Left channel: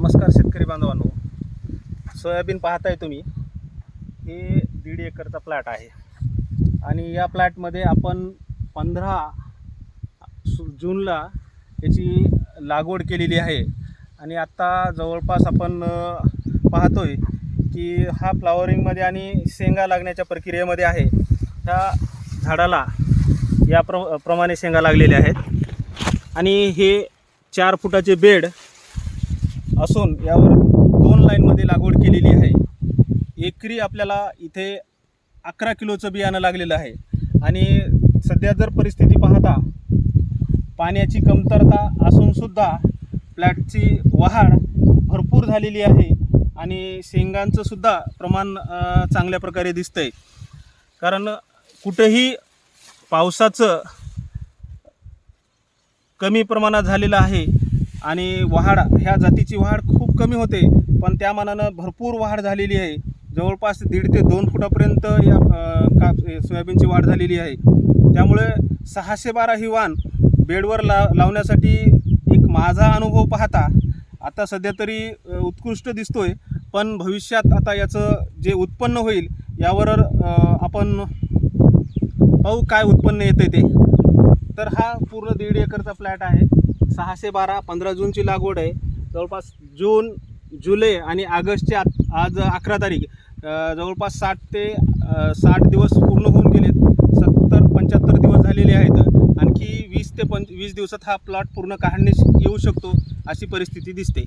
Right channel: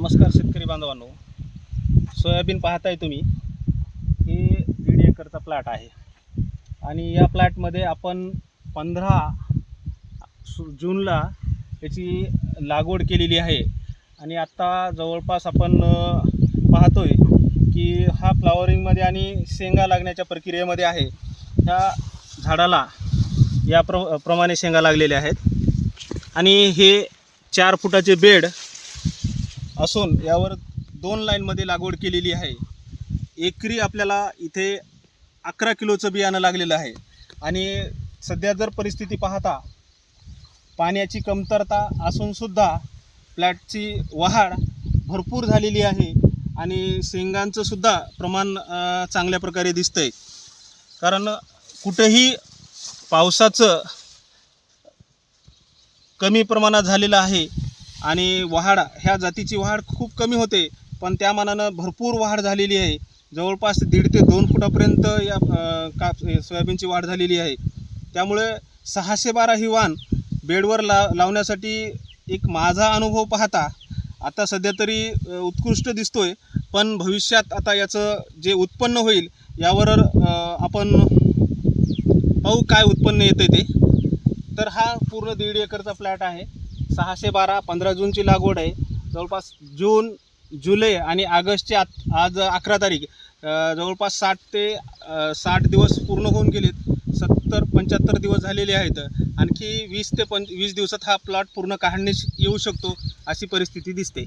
नमस्कार शेतकरी बांधवांनो. सोयाबीन पाहताय तुम्ही. हे दीड एकरचा प्लॅट आहे. आणि या प्लॅटमध्ये आपण पंधरा सु- जूनला याची लागवड केलेली आहे. आणि आत्ता जवळपास आपण पाहतो पाहतोय की हा फ्लॉवरिंगमध्ये आणि शेंगा लागण्याच्या प्रक्रियेमध्ये आहे. ह्या झाडाला या प्र प्रमाणे शेंगा लागलेल्या आहेत. आणि हे चार फुटाचे बेड असून यावर दोन लाईनमध्ये लागवड केलेली आहे. एकरी आपल्याला इथे अकरा किलोचं बियाणं लागलेलं आहे. आणि सध्या जर परिस्थिती पाहता पाण्याची कमतरता असूनसुद्धा प्लॅटची वाढ भरपूर झालेली आहे आणि शेंगांचं सुद्धा प्रमाण चांगल्या प्रकारे दिसतंय. कारण कुठेही पावसाचं कमी प्रमाणात झालेलं आहे आणि वाढ ह्या जातीची वाढ खूप कमी होते पण त्या मानानं भरपूर वाढ झालेली आहे. जवळपास दीड ते दोन फुटापर्यंत या काप सोयाबीनची वाढ झालेली आहे. त्यामुळे सहाशे बारा ही वाण बेडवर ला लावण्यासाठी एक माझा अनुभव पाहता आता सध्या तरी उत्कृष्ट दिसतो आहे पण भविष्यात आता याचं जे उत्पन्न होईल यावर आपण पाहू काय उत्पन्न येतं ते. तर हा पूर्ण दीड एकरचा फ्लॅट आहे. सहाशे बारा पंधरा जूनची लागवड आहे. जवळपास जून जुलै आणि ऑगस्टचे आत आज अकरा तारीख. जवळपास साठ ते साठ दिवस पूर्ण होऊन गेलेत. सत्तर पंच्याहत्तर दिवस झालेले आहेत. आणखी वीस ते पंच वीस दिवसात हा प्लॉट पूर्ण काढणीस येऊ शकतो अशी परिस्थिती दिसते.